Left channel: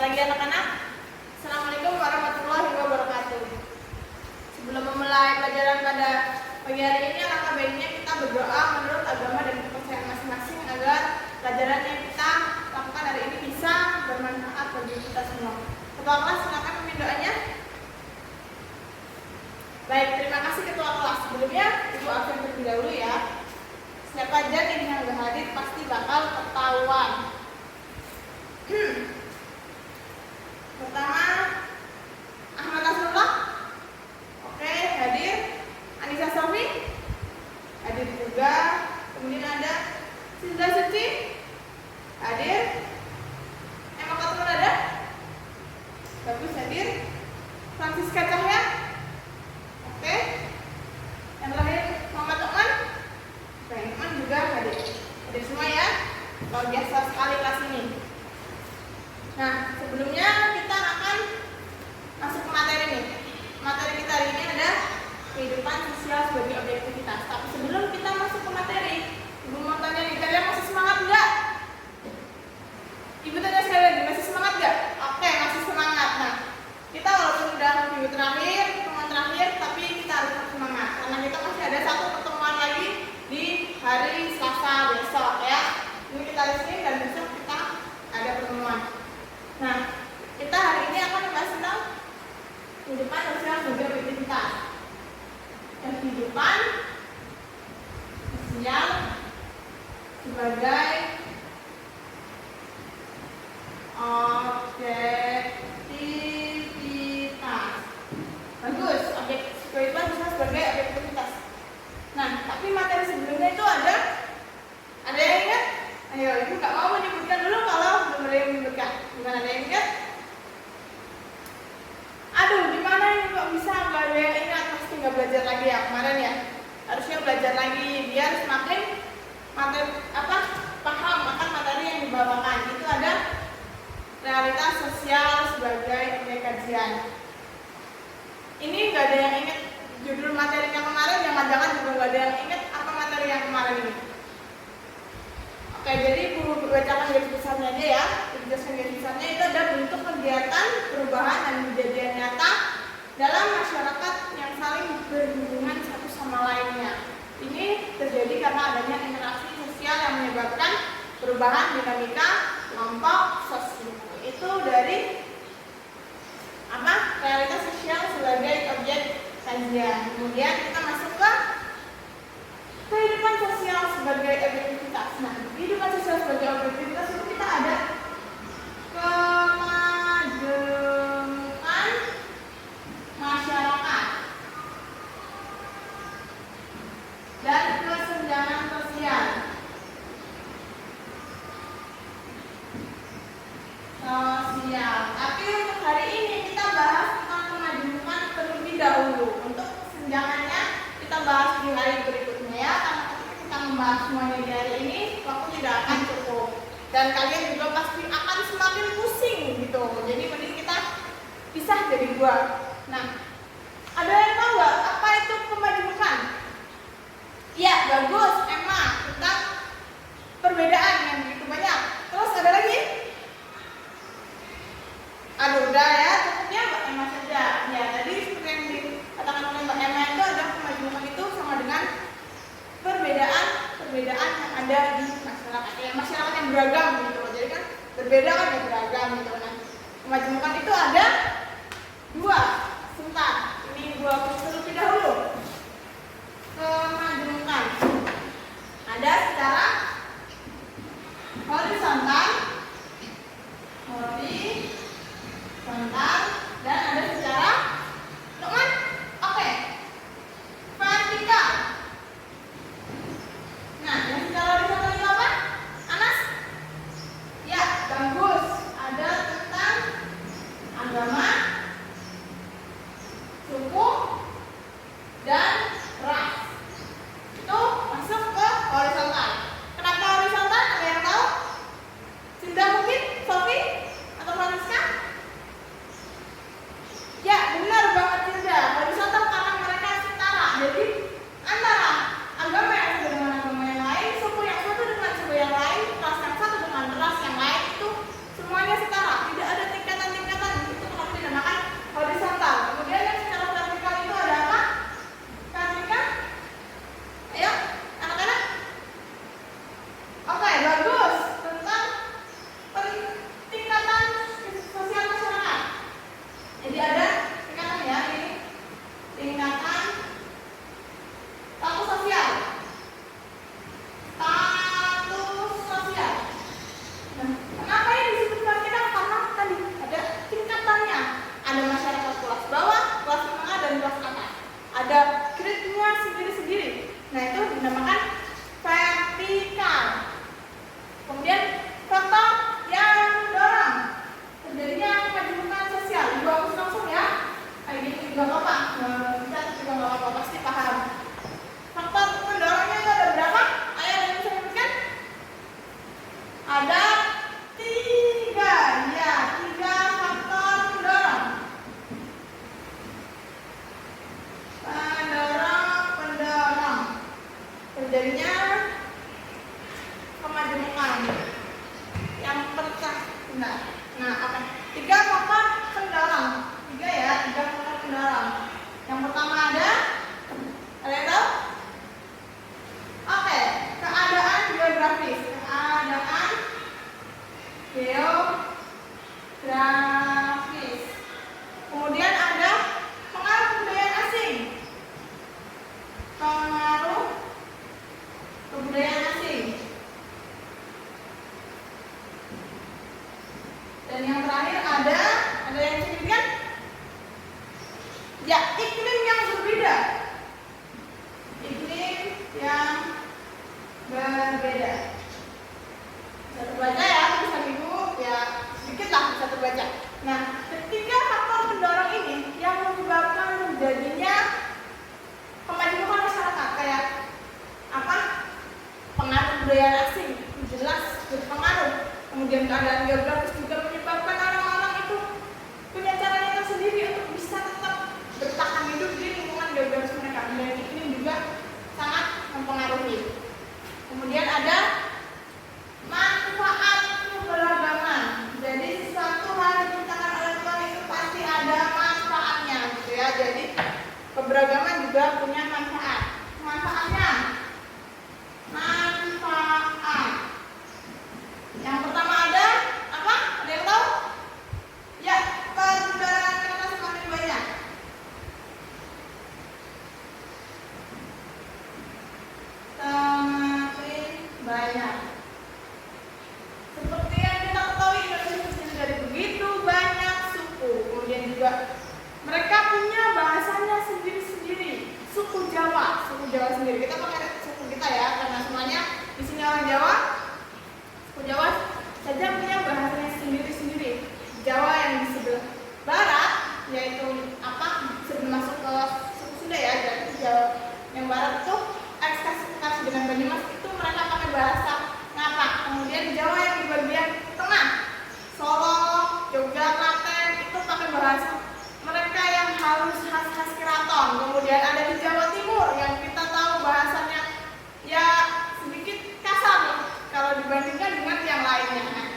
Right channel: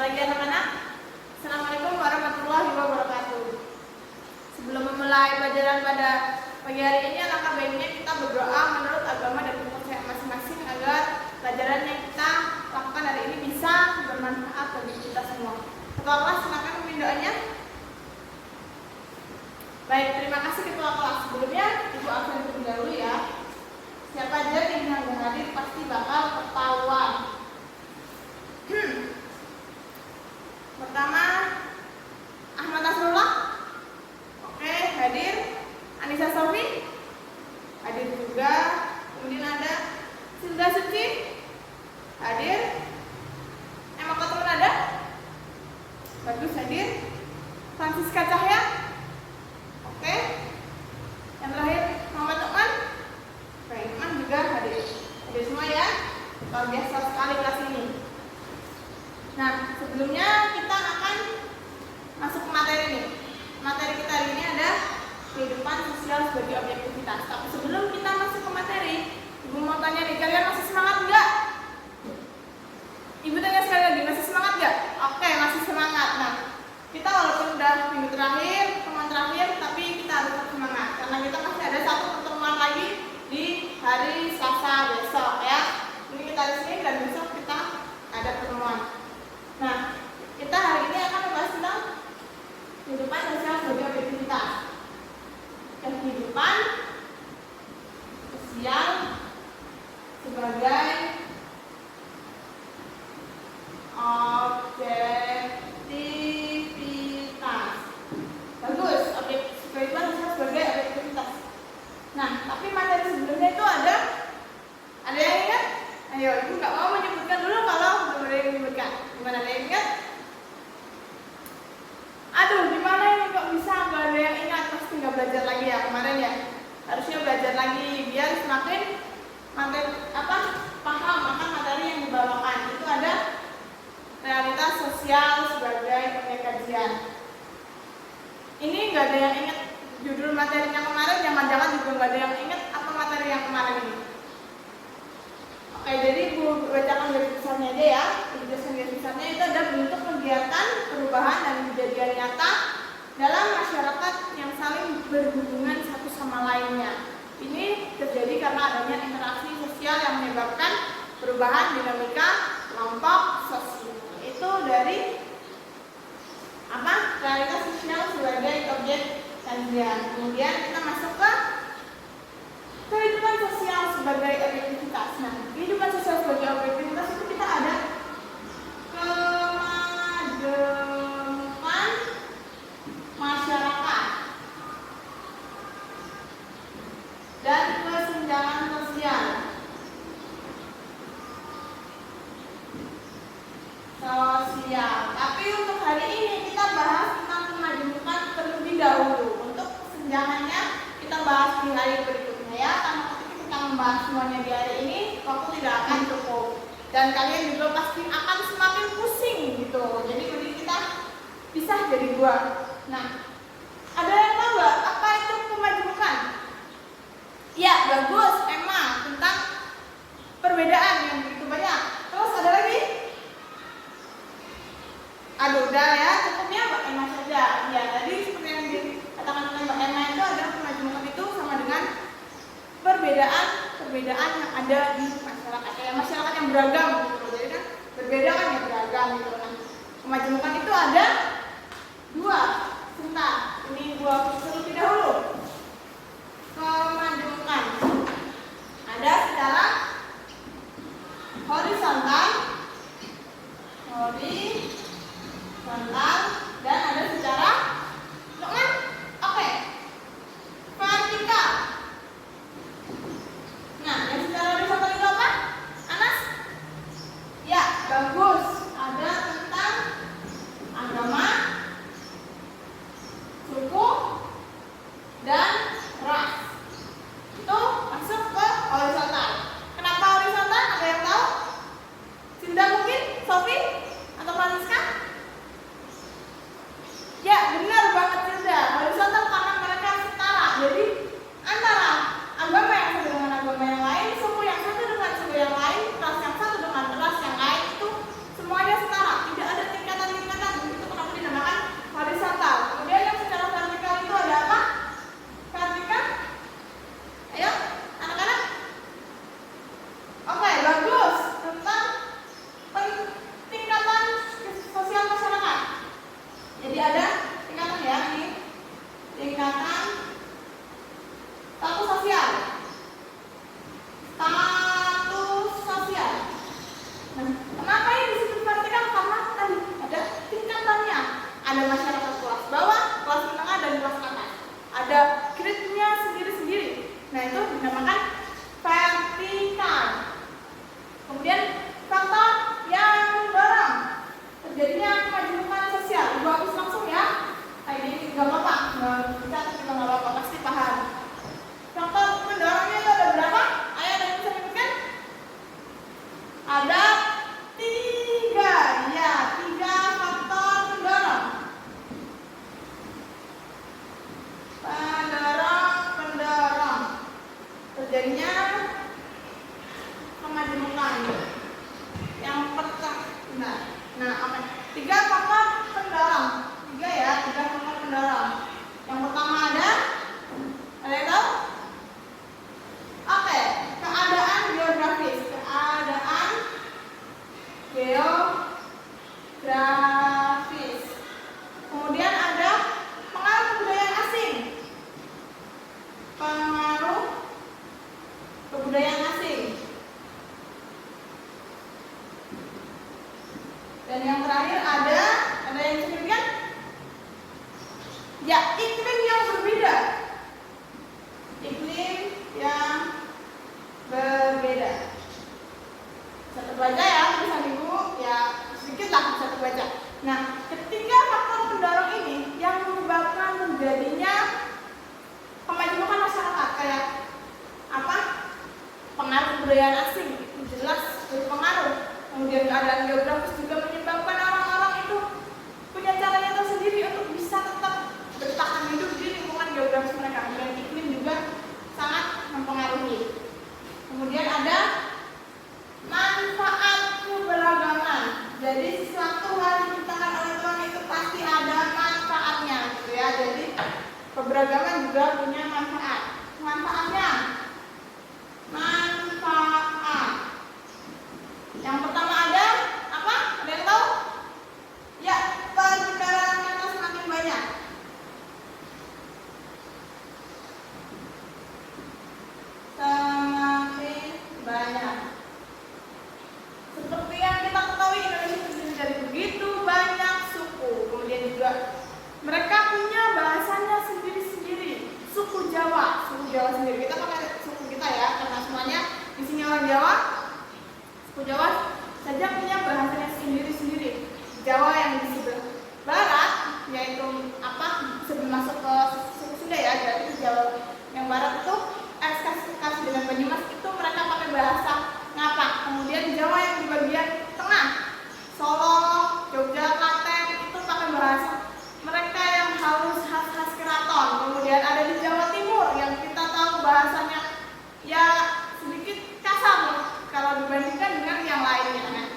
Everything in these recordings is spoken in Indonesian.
lagi anak-anak. Assalamualaikum warahmatullahi wabarakatuh. Sebelum memulai pelajaran pada pagi hari ini, alangkah baiknya kita berdoa menurut agama dan kepercayaan masing-masing agar pelajaran yang kita lakukan hari ini bisa bermanfaat bagi kita semua. Ketua kelas, silakan memimpin doanya. Baik, terima kasih Ketua kelas. Sebelumnya Ibu absen terlebih dahulu ya. Siapa aja yang nggak hadir pasti bakal ketahuan. Pertama, Ahmad Nasrullah. Oke, hadir. Anissa Sofi hadir juga. Kemudian ada Silda Suci hadir. Emma Koteman ada? Bagus, hadir. Francisca Cahya. Oke. Yang terakhir Muhammad Ukman. Ukman juga hadir. Hadir semua ya. Luar biasa sekali kelas ini. Nah, sebelumnya kita akan masuk ke materi nih. Materi kita hari ini ada kehidupan sosial sebagai objektivitas. Tapi sebelum kita masuk ke materi, Ibu mau tanya nih, kalian masih semangat nggak? Ibu tanya sekali lagi, masih semangat nggak? Oke, masih semangat. Nah, kita walaupun udah minggu terakhir, pertemuan terakhir, tapi kita harus tetap semangat karena kita masih ada satu pertemuan lagi di hari Selasa besok ya. Ini kita hari Senin dan besok kita ada pertemuan. Nah, kita hari ini akan membahas tentang kehidupan sosial sebagai objektivitas. Kehidupan sosial sebagai objektivitas. Bagus, kehidupan sosial sebagai objektivitas. Nah, tapi materi sebelumnya itu ada yang ingat? Ayo, Ibu nggak mau menyebutkan dulu kalau belum ada yang menyebutkan. Gimana, ada yang ingat? Aduh, gimana ini kok bisa nggak ada yang ingat? Pasti nggak belajar lagi ya kemarin ya. Harusnya belajar lagi biar semakin paham akan materi yang dibawakan. Itu ada realitas sosial sebagai objek kajian. Ini nggak ada yang ingat judul materinya kemarin, jangan-jangan juga nggak ada yang ingat apa materi yang kemarin ini. Oke, jadi Ibu bacakan garis besarnya aja ya. Garis besarnya itu ada bentuk kegiatan, perubahan, dan kejadian nyata dalam masyarakat yang saling berhubungan satu sama lainnya. Ini terjadi karena adanya interaksi sosial yang menyebabkan perubahan dinamika kelompok sosial. Itu dari realitas sosial sebagai objek kajian. Kemudian kita masuk ke kehidupan sosial sebagai objektivitas. Nah, kehidupan sosial sebagai objektivitas itu kita ada kemajemukan masyarakat dan kesenjangan sosial. Tapi untuk hari ini kita bahas tentang kemajemukan terlebih dahulu. Untuk kesenjangannya kita bahas di hari berikutnya ya. Karena ketika kita membahas semuanya di hari ini, waktu tidak akan cukup. Dan kalian juga pasti akan semakin pusing gitu. Jadi mending kita pisah jadi dua. Nah, ada yang tahu nggak apa itu kemajemukan? Iya, bagus, Emma, tentang perbedaan yang begitu banyak. Terus ada lagi? Aduh, udah ya, cukupnya Mbak Emma saja. Ya, tadi seperti yang dikatakan oleh Mbak Emma itu ada kemajemukan itu sama dengan perbedaan yang ada di masyarakat. Ya, masyarakat yang beragam gitu loh. Jadi kan berbeda kan ya beragam gitu. Nah, kemajemukan itu ada dua. Sebentar, ini gua terlebih dahulu. Kemajemukan ada secara horizontal, dan ada secara vertikal. Nah, yang secara horizontal itu apa? Anas? Ya, bagus. Ada tentang agama, suku, dan ras. Itu masuk ke horizontal. Kenapa horizontal? Ada yang tahu? Ada tiga, ya, tiga faktor pendorong. Pendorong terjadinya kemajemukan. Yang pertama, nah, oke. Tiga faktor pendorong. Tiga ya, tiga faktor pendorong. Yang pertama ada yang tahu? Oke, keadaan geografis. Keadaan geografis. Kemudian ada pengaruh kebudayaan asing. Pengaruh kebudayaan asing. Dan yang terakhir ada yang signifikan? Ya, iklim yang berbeda. Iklim yang berbeda. Bisa terbaca ya tulisan ibu, ya sedikit lah bisa terbaca. Nah, ketiga faktor pendorong ini yang menyebabkan terjadinya kemajemukan masyarakat, kayak apa? Pengaruh kebudayaan asing jelas berpengaruh. Kemudian keadaan geografis juga menyebabkan orang-orang itu punya caranya tersendiri untuk bisa tetap bertahan hidup di lingkungan geografis mereka. Dan iklim juga sangat mempengaruhi. Kemudian ada manfaat keberagaman. Jadi sesuatu hal yang diciptakan oleh Tuhan itu pasti ada manfaatnya, gitu ya. Jadi keberagaman juga punya manfaat. Manfaatnya, manfaat. Yang pertama ada apa? Ada yang tahu? Ya, pertukaran kata semakin banyak. Semakin banyak. Seperti yang kita ketahui, Indonesia terdiri dari begitu banyak suku. Kemudian juga mereka punya bahasanya sendiri-sendiri. Suku Jawa sendiri. Kita pakai suku kita ya, karena semuanya di sini orang Jawa. Suku Jawa saja punya bahasanya sendiri-sendiri. Jawa yang di sebelah barat, yaitu apa? Sebelum masuk ke suku Sunda ya, jadi Jawa yang barat itu sekitar dengan Banyumas itu mereka pakai bahasa Ngapak. Kemudian Jawa yang di bagian tengah, Solo, Jogja, Klaten itu pakai bahasa mereka yang halus khas keraton. Kemudian ada di Jawa Timur yang kita tahu bahasanya ya sedikit kasar kalau dibandingkan dengan yang lainnya. Nah,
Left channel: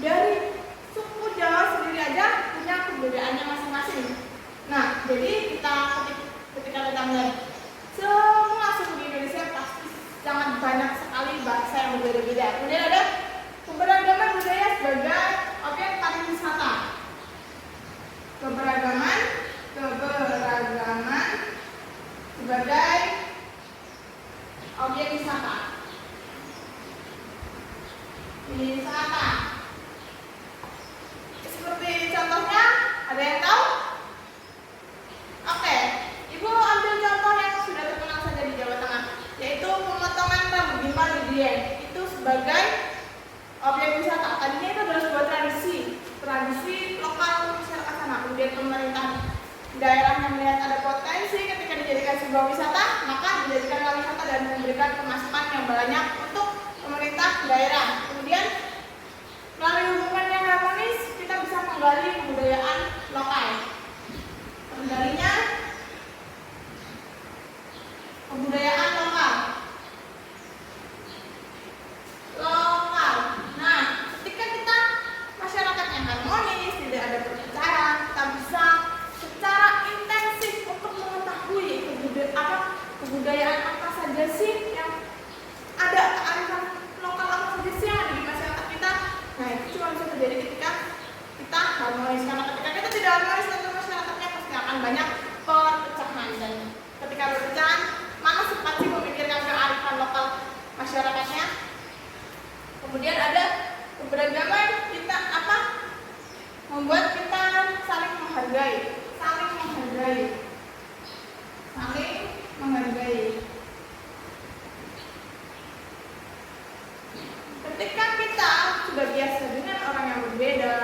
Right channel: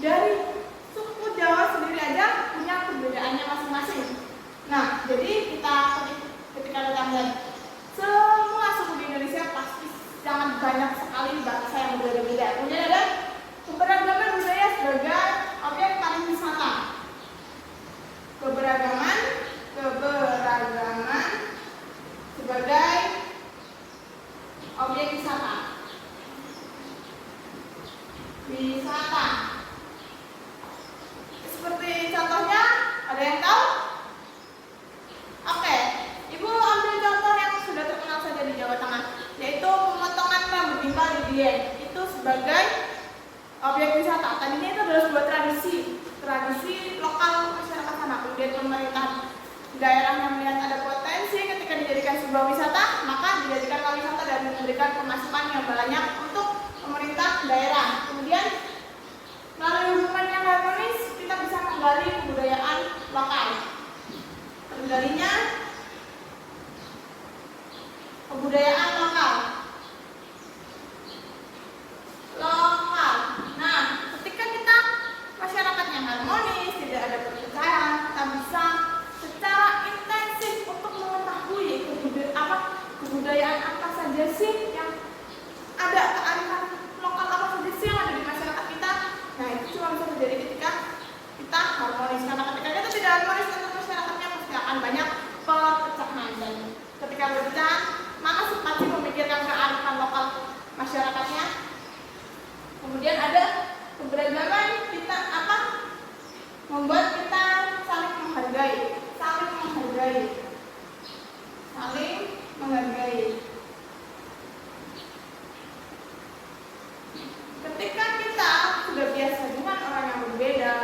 dari suku Jawa sendiri aja punya kebudayaannya masing-masing. Nah, jadi ketika kita melihat semua suku di Indonesia pasti sangat banyak sekali bangsa yang berbeda-beda. Kemudian ada keberagaman budaya sebagai objek pariwisata. Keberagaman sebagai objek wisata. Seperti contohnya, ada yang tahu? Oke, Ibu ambil contoh yang sudah terkenal saja di Jawa Tengah, yaitu pemotongan rambut gimbal di Dieng. Itu sebagai objek wisata. Tadinya itu adalah sebuah tradisi lokal masyarakat sana. Kemudian pemerintah daerahnya melihat ada potensi ketika dijadikan sebuah wisata, maka dijadikanlah wisata dan memberikan pemasukan yang banyak untuk pemerintah daerah. Kemudian melalui hubungan yang harmonis kita bisa menggali kebudayaan lokal. Menggalinya kebudayaan lokal. Nah, ketika kita masyarakatnya harmonis, tidak ada perpecahan, kita bisa secara intensif untuk mengetahui kebudayaan apa saja sih yang ada, kearifan lokal apa saja sih yang ada di masyarakat kita. Nah, itu cuma bisa terjadi ketika kita harmonis. Karena ketika kita tidak harmonis dengan masyarakatnya pasti akan banyak perpecahan. Dan ketika perpecahan, mana sih pasti memikirkan kearifan lokal masyarakatnya. Kemudian ada keberagaman kita membuat kita saling menghargai. Ketika kita sudah biasa dengan orang yang berbeda,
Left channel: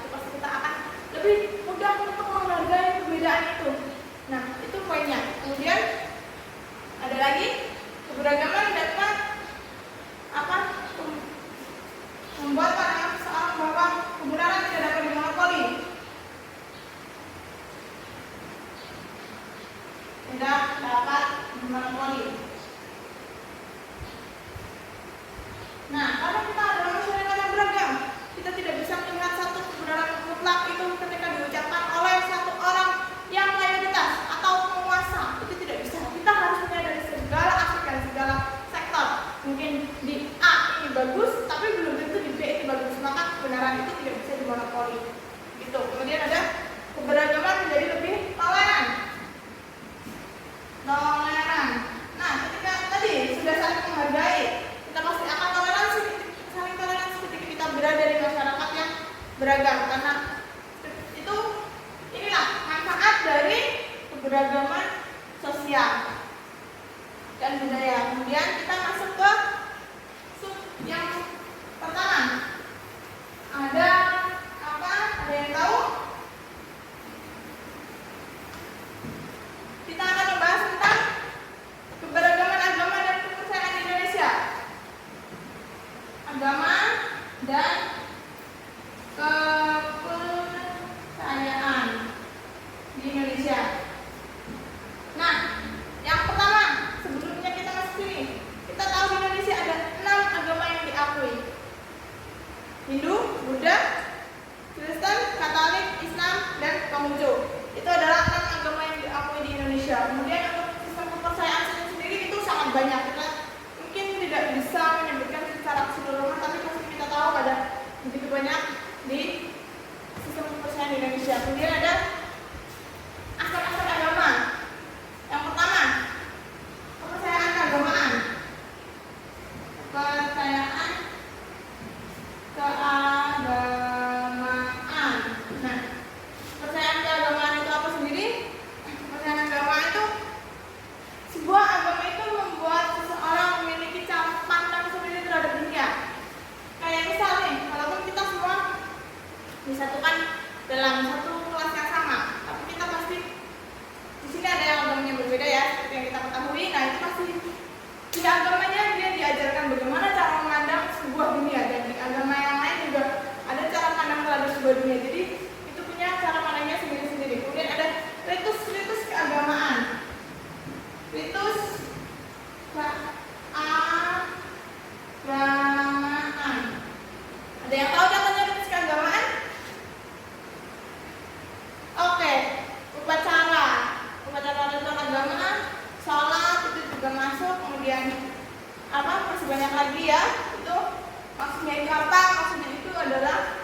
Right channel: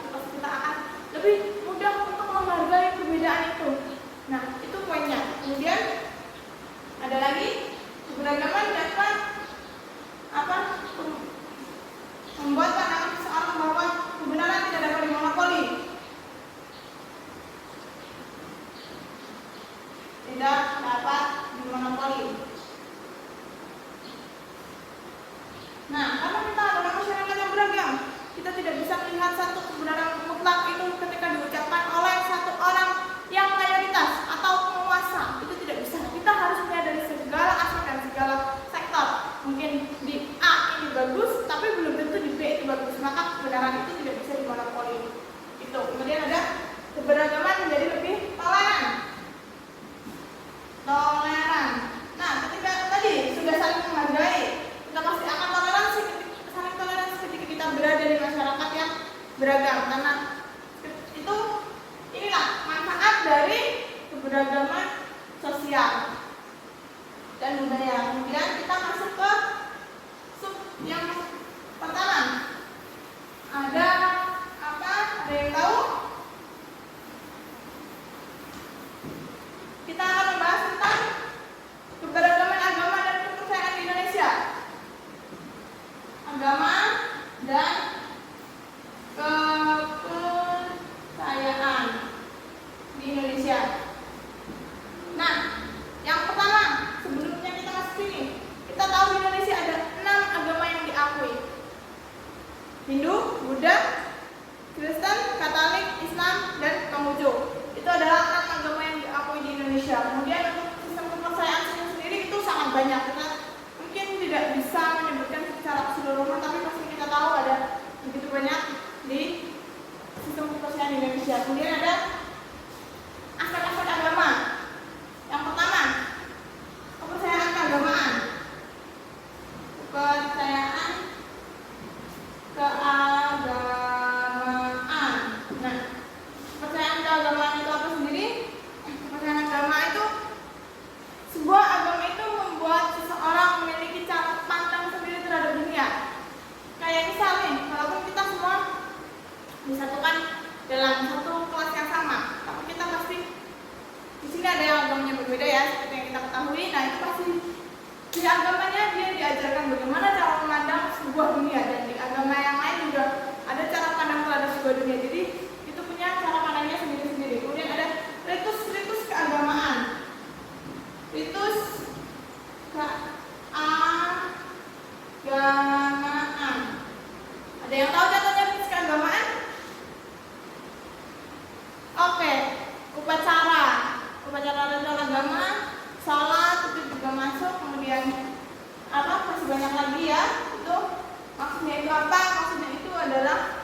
itu pasti kita akan lebih mudah untuk menghargai perbedaan itu. Nah, itu poinnya. Kemudian ada lagi keberagaman dapat kebenaran mutlak itu ketika diucapkan oleh satu orang yang mayoritas atau penguasa, itu tidak bisa. Kita harus melihat dari segala aspek dan segala sektor. Mungkin di A ini bagus, tapi belum tentu di B itu bagus. Maka kebenaran itu tidak bisa dimonopoli. Itu. Kemudian ada keberagaman menjadi lebih toleran. Toleran. Nah, ketika tadi sudah saling menghargai, kita pasti akan toleransi, saling toleransi ketika kita berada di masyarakat yang beragam. Karena itu inilah manfaat dari keberagaman sosial dan budaya. Kemudian kita masuk ke sub yang pertama. Ada apa? Ada yang tahu? Kita akan membahas tentang keberagaman agama dan kepercayaan di Indonesia. Agama dan kepercayaan di Indonesia. Nah, yang pertama, sebelumnya kita masuk sini, kita tahu di Indonesia ada 6 agama yang diakui. Hindu, Buddha, Kristen, Katolik, Islam, dan Konghucu. Itu adalah 6 agama yang diakui di Indonesia. Kemudian untuk sistem kepercayaan sendiri itu sangat banyak. Kita mungkin tidak bisa menyebutkan secara keseluruhan, tapi pasti kita tahu ada begitu banyak di sistem kepercayaan di Indonesia. Kemudian ada aspek-aspek agama. Yang pertama, kepercayaan keagamaan. Kepercayaan keagamaan. Nah, kepercayaan keagamaan itu apa sendiri? Kepercayaan agama itu sebuah agama itu membuat seseorang memiliki cara pandang sendiri terhadap dunia. Kayak misalnya, walaupun kita semua disatukan dalam satu kelas yang sama, tapi kita pasti di sini ada yang agamanya berbeda ya, seperti yang kita ketahui. Nah, itu pasti di agamanya dia diajarkan bagaimana cara memandang sebuah dunia, dan di agama yang lain juga ada cara pandang terhadap sebuah dunia. Jadi itu punya cara pandangnya sendiri-sendiri. Kemudian ada ritus keagamaan. Ritus keagamaan. Ada yang tahu contohnya ritus keagamaan? Oke, upacara ritual agama, sholat itu juga masuk. Kemudian apa? Masih banyak lagi ya. Itu maksudnya itu apa? Maksudnya itu adalah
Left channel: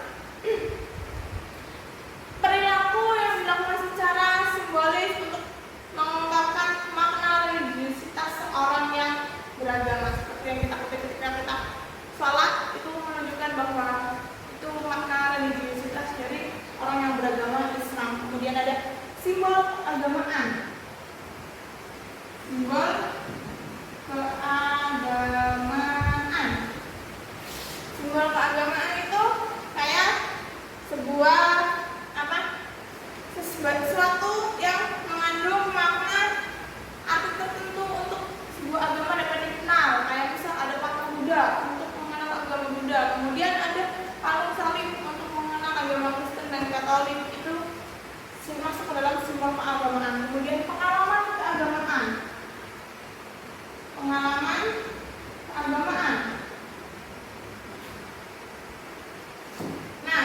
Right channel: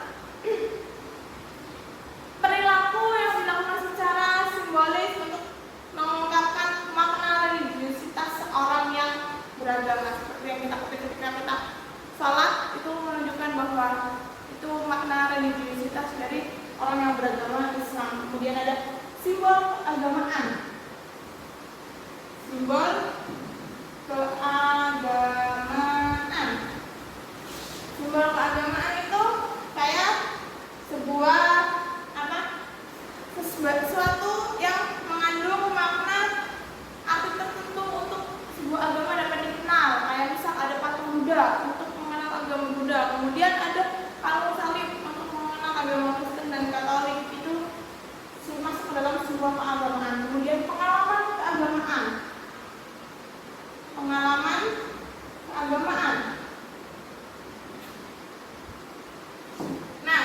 perilaku yang dilakukan secara simbolis untuk mengungkapkan makna religiusitas seorang yang beragama. Seperti yang kita ketahui ketika kita sholat, itu menunjukkan bahwa itu makna religiusitas dari orang yang beragama Islam. Kemudian ada simbol keagamaan. Simbol keagamaan. Simbol keagamaan itu kayak sebuah apa? Sesuatu yang mengandung makna arti tertentu untuk sebuah agama dapat dikenal. Kayak misal ada patung Buddha untuk mengenal agama Buddha. Kemudian ada kalung salib untuk mengenal agama Kristen dan Katolik. Itu masuk ke dalam simbol keagamaan. Kemudian pengalaman keagamaan. Pengalaman keagamaan. Nah,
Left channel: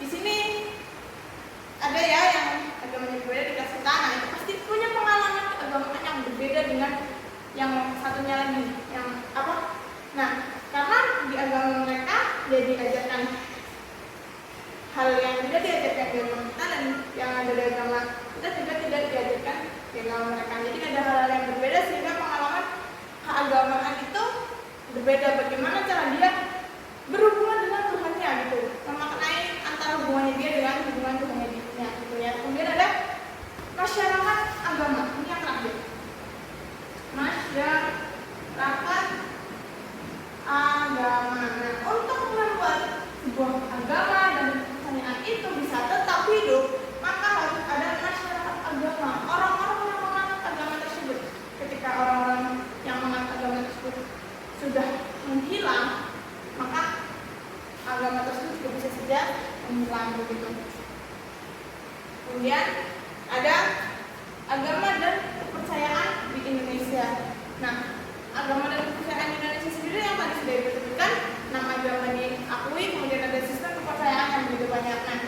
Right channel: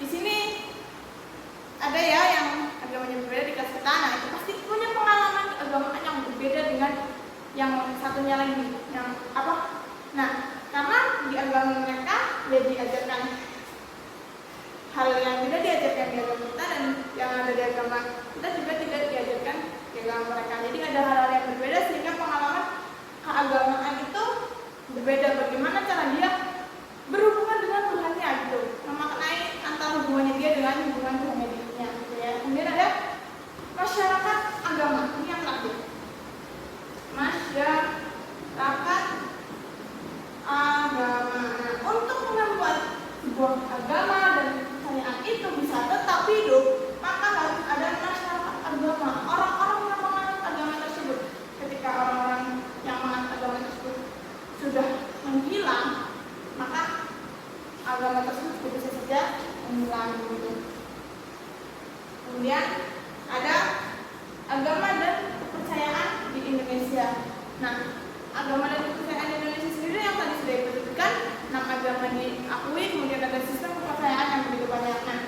di sini ada ya yang agamanya berbeda di kelas kita. Nah, itu pasti punya pengalaman keagamaan yang berbeda dengan yang satunya lagi. Yang apa? Nah, karena di agama mereka ya diajarkan hal yang tidak diajarkan di agama kita, dan yang ada di agama kita juga tidak diajarkan di agama mereka. Jadi ada hal-hal yang berbeda sehingga pengalaman keagamaan itu berbeda. Bagaimana cara dia berhubungan dengan Tuhannya gitu, memaknai antara hubungannya dia dengan hubungan Tuhannya dirinya gitu ya. Kemudian ada masyarakat agama. Ini yang terakhir. Masyarakat agama. Nah, untuk membuat sebuah agama dan kepercayaan itu bisa tetap hidup, maka harus ada masyarakat agama, orang-orang yang menganut agama tersebut. Ketika orang-orang yang menganut agama tersebut sudah menghilang, maka agama tersebut juga bisa saja menghilang begitu. Kemudian ada agama dan kepercayaan di Indonesia. Nah, agama dan kepercayaan di Indonesia sendiri yang tadi sudah disebutkan, 6 agama diakui, kemudian ada sistem kepercayaan yang begitu banyak. Nah,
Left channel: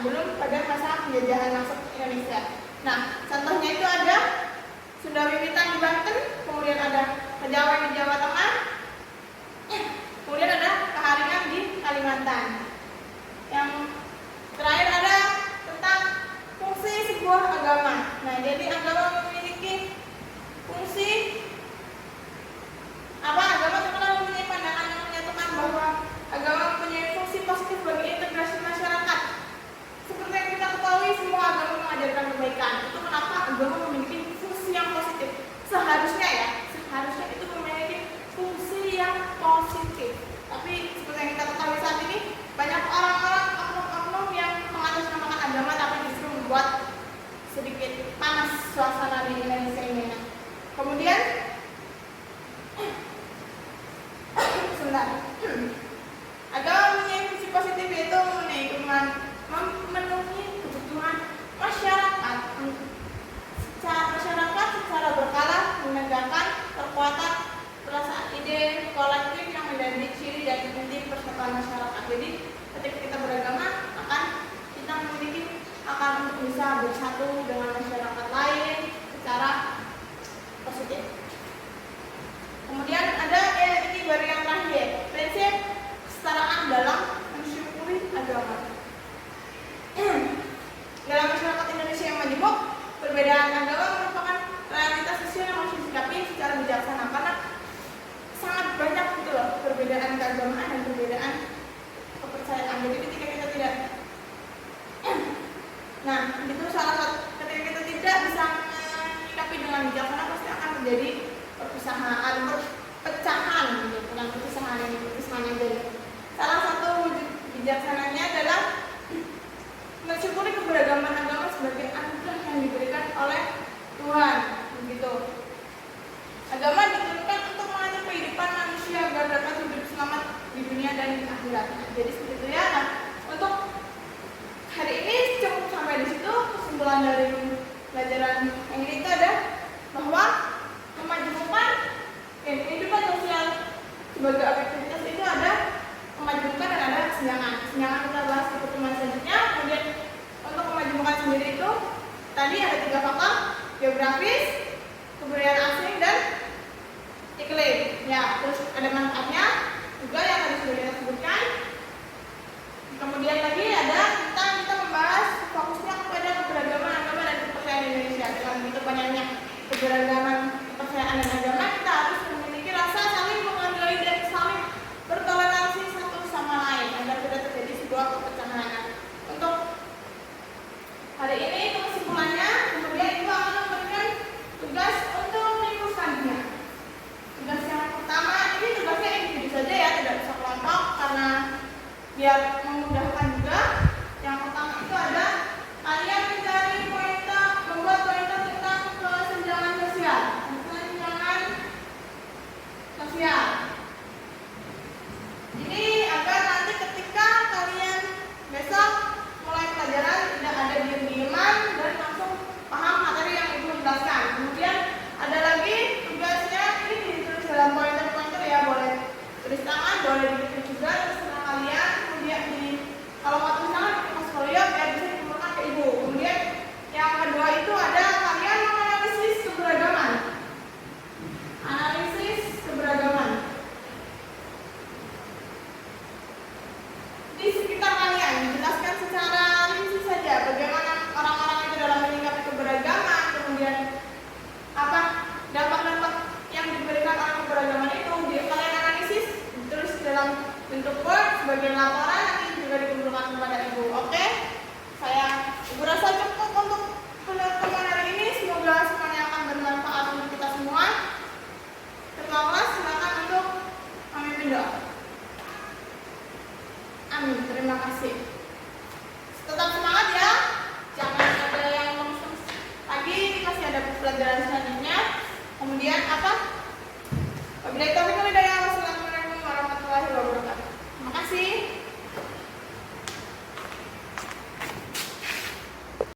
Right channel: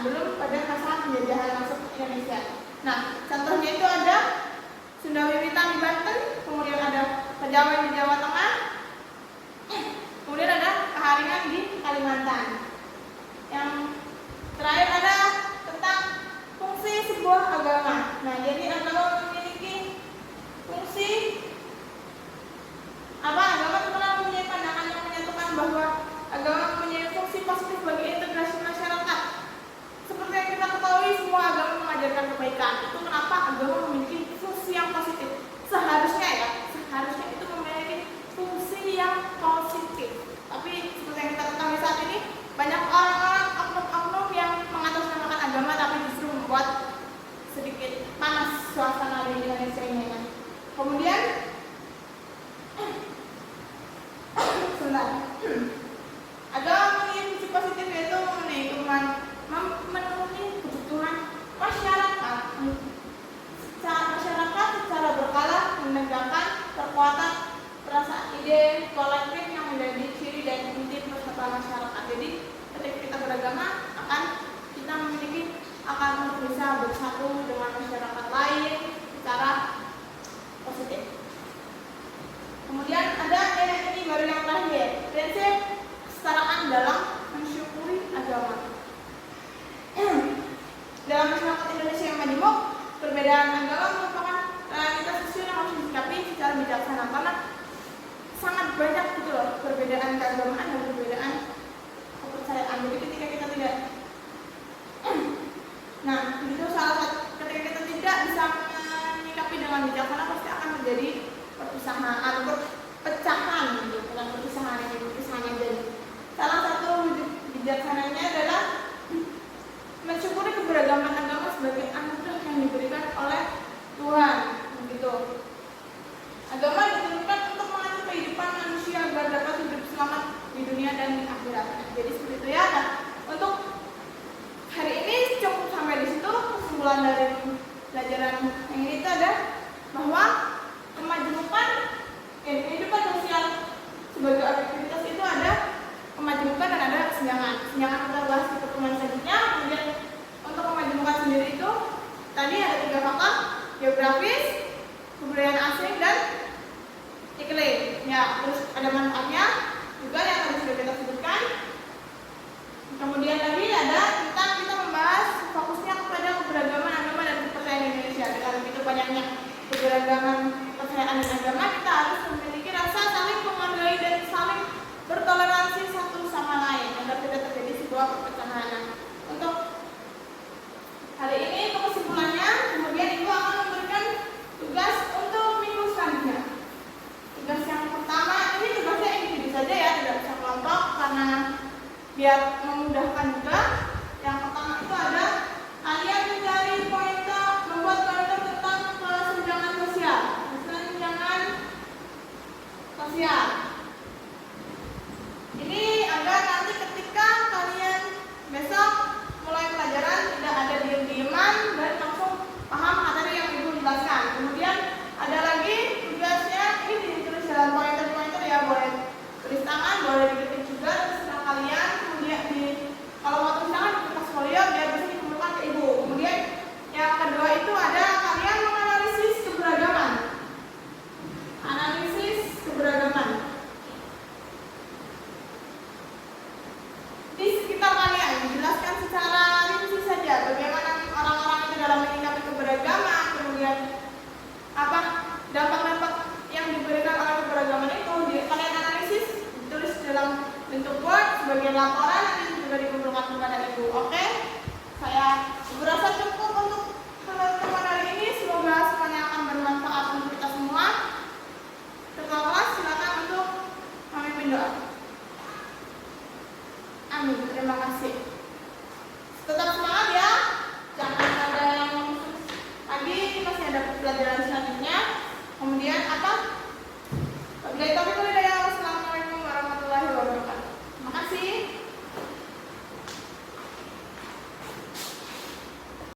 sebelum pada masa penjajahan masuk Indonesia. Nah, contohnya itu ada Sunda Wiwitan di Banten, kemudian ada Kejawen di Jawa Tengah, kemudian ada Keharingan di Kalimantan. Yang terakhir ada tentang fungsi sebuah agama. Nah, jadi agama memiliki fungsi apa? Agama terkenal mempunyai pandangan yang menyatakan bahwa agama mempunyai fungsi positif bagi integrasi masyarakat. Seperti yang kita ketahui, semua agama mengajarkan kebaikan. Itu kenapa agama memiliki fungsi yang positif. Seharusnya itu memiliki fungsi yang positif. Tapi seperti yang kita ketahui saat ini, banyak orang-orang oknum-oknum yang mengatasnamakan agama tapi justru membuat sedikit panas suasana di Indonesia ini. Kemudian agama memiliki fungsi positif, yaitu memenuhi kebutuhan masyarakat secara berkala, menegakkan kekuatan perasaan ide kolektif yang menjadi ciri dan inti persatuan masyarakat. Jadi ketika kita beragama kita akan bisa bersatu dengan masyarakat lain secara positif. Kemudian ada ini baru yang terakhir, prinsip kesetaraan dalam mensyukuri agama. Dalam masyarakat Indonesia yang majemuk, perbedaan agama merupakan realitas sosial yang harus disikapi secara bijaksana, karena sangat banyak gitu loh perbedaan keagamaan dan perbedaan kepercayaan. Jadi ketika kita tidak itu salah satu, ketika kita tidak bisa menyikapi dengan bijaksana, pasti akan terjadi perpecahan gitu, bukan perpisahan aja. Salah satu wujud bijaksananya adalah mensyukuri keberagaman agama sebagai anugerah yang diberikan oleh Tuhan, begitu. Agama diturunkan untuk mengatur kehidupan manusia agar dapat hidup selamat di dunia dan di akhirat. Jadi seperti itu ya. Nah, untuk hari ini cukup sampai di situ. Kesimpulan dari pelajaran yang ini itu ada bahwa kemajemukan kehidupan sosial sebagai aktivitas itu ada kemajemukan dan ada kesenjangan. Kesenjangan kita bahas di pertemuan selanjutnya. Kemudian untuk kemajemukan sendiri itu tadi ada 3 faktor: geografis, kebudayaan asing, dan iklim. Ya, terus ada manfaatnya juga yang tadi sudah kita sebutkan. Kemudian lagi ada tentang kita membahas fokusnya kepada keberagaman agama dan kepercayaan Indonesia. Karena itu banyaknya keberagaman kepercayaan dan agama, kita harus memiliki rasa saling menghargai dan saling bertoleransi satu sama lain agar tidak terjadi sebuah perpecahan. Untuk hari ini kesimpulannya, kemudian Ibu akan memberikan tugas untuk minggu selanjutnya. Tugas yang pertama ini tugasnya individu saja ya, tidak bisa kelompok karena biar memudahkan juga. Yang pertama itu ada kalian mencari pointer, membuat pointer tentang kesenjangan sosial. Kesenjangan sosial. Ini agar nanti ketika kalian besok mulai pelajaran tidak ada diam-diaman dan langsung paham materi yang Ibu jelaskan. Kemudian ada lagi tugasnya, ini ditulis dalam pointer-pointer ya, boleh tulis tangan, boleh diketik juga, terserah kalian. Kemudian kalau mau tulis tangan di kertas folio biar bisa dikumpulkan ke Ibu. Kemudian yang kedua itu ada kalian menganalisis keberagaman. Analisis keberagaman. Di sekitar kalian dijelaskan secara rinci saja bagaimana orang-orang itu dalam menyikapi keberagaman, kemudian apa dampak-dampak yang diberikan oleh keberagaman itu kalian analisis, ditulis dalam bentuk Word sebagai laporan, nanti juga dikumpulkan kepada Ibu. Oke? Ibu rasa cukup untuk pertemuan hari ini. Semoga semuanya akan bermanfaat untuk kita semua. Ketua kelas silakan untuk memimpin doa. Amin. Terima kasih. Tetap semangat ya. Jangan ada yang ngomong lagi, masih ada pelajaran